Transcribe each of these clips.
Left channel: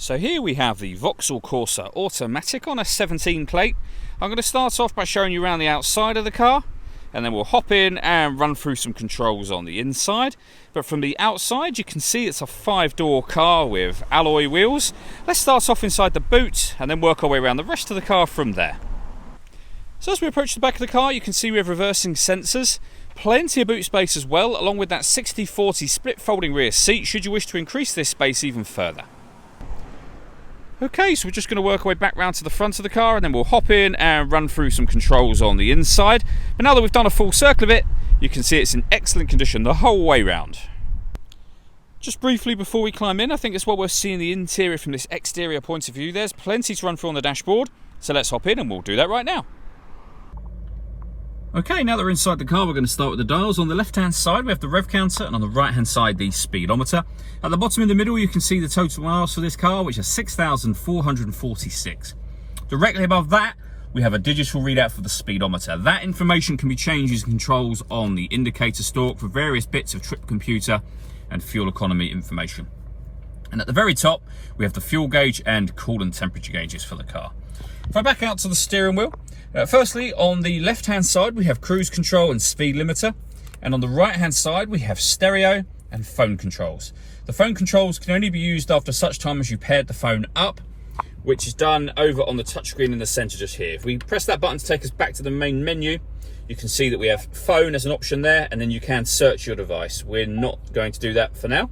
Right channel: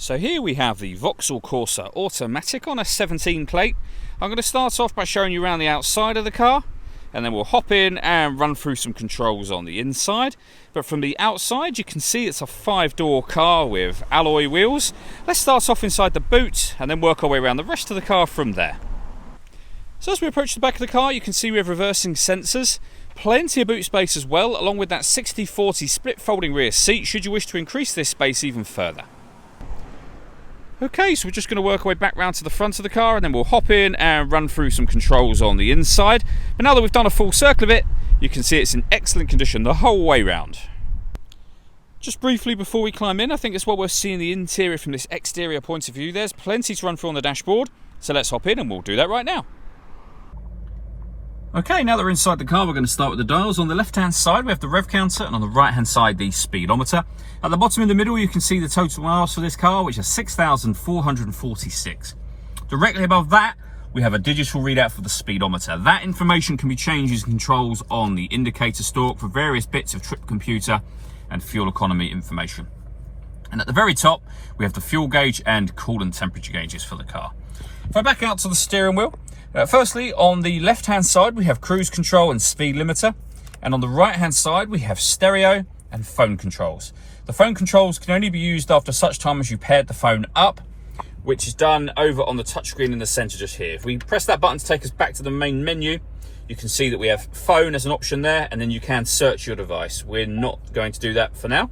So here we have the Vauxhall Corsa automatic on a 17 plate. I'm going to start off by showing you around the outside of the car, and then we'll hop in and run through some controls on the inside. But from the outside you can see it's a 5-door car with alloy wheels. Let's start off inside the boot and then work our way around the rest of the car from there. So as we approach the back of the car, you can see we have reversing sensors, plenty of boot space as well, along with that 60/40 split folding rear seat should you wish to increase this space even further. Okay, so we're just going to work our way back round to the front of the car and then we'll hop in and run through some controls on the inside. But now that we've done a full circle of it, you can see it's in excellent condition the whole way round. Just briefly before we climb in, I think it's well worth seeing the interior from this exterior point of view. There's plenty to run through on the dashboard, so let's hop in and we'll do that right now. Okay, now that we're inside the car, we're going to start with the dials. On the left-hand side, we have the rev counter, and on the right-hand side, the speedometer. At the bottom in the middle, you can see the total miles for this car, which is 6,446. Directly above that, we have a digital readout for the speedometer. That information can be changed using controls on the indicator stalk for various bits of trip computer and fuel economy information. And at the very top, we have the fuel gauge and coolant temperature gauges for the car. If I back out to the steering wheel, firstly, on the left-hand side, we have cruise control and speed limiter. And on the right-hand side, we have stereo and phone controls. The phone controls can only be used after such time as you paired the phone up, which is done over on the touchscreen in the center just here. If we press that button to take us back to the main menu, you can see that we have phone as an option there, and then you can search your device. We're not going to do that for now.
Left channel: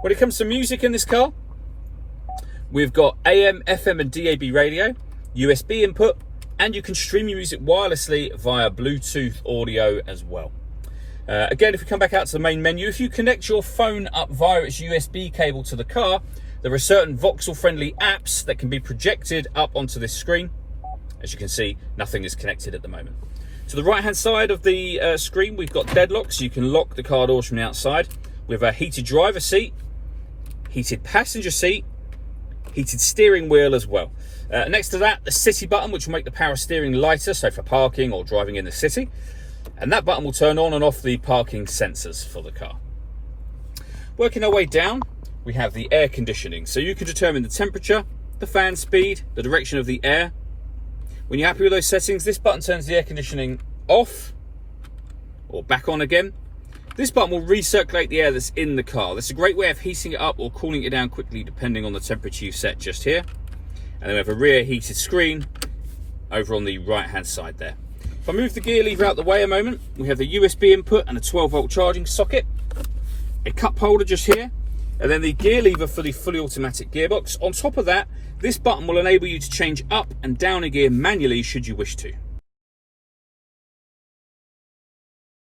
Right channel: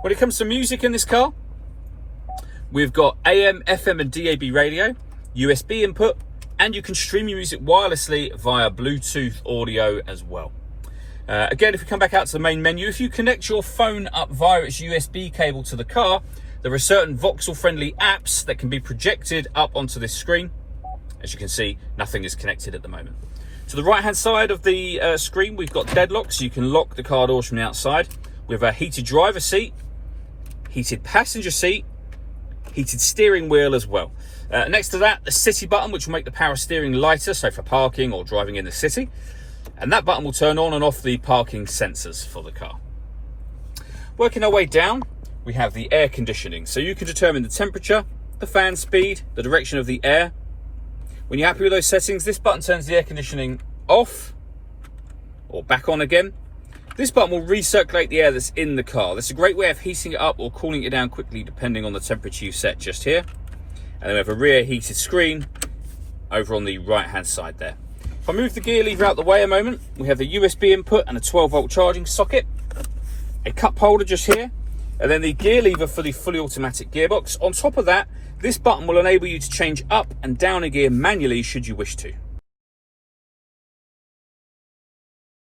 When it comes to music in this car, we've got AM, FM and DAB radio, USB input, and you can stream your music wirelessly via Bluetooth audio as well. Again, if we come back out to the main menu, if you connect your phone up via its USB cable to the car, there are certain Vauxhall friendly apps that can be projected up onto this screen. As you can see, nothing is connected at the moment. To the right hand side of the screen, we've got deadlock, so you can lock the car doors from the outside. We have a heated driver seat, heated passenger seat, heated steering wheel as well. Next to that, the city button, which will make the power steering lighter, so for parking or driving in the city. And that button will turn on and off the parking sensors for the car. Working our way down, we have the air conditioning. So you can determine the temperature, the fan speed, the direction of the air. When you're happy with those settings, this button turns the air conditioning off or back on again. This button will recirculate the air that's in the car. That's a great way of heating it up or cooling it down quickly depending on the temperature you set just here. And then we have a rear heated screen over on the right hand side there. If I move the gear lever out the way a moment, we have a USB input and a 12-volt charging socket, a cup holder just here, and then the gear lever for the fully automatic gearbox. On top of that, this button will enable you to change up and down a gear manually should you wish to.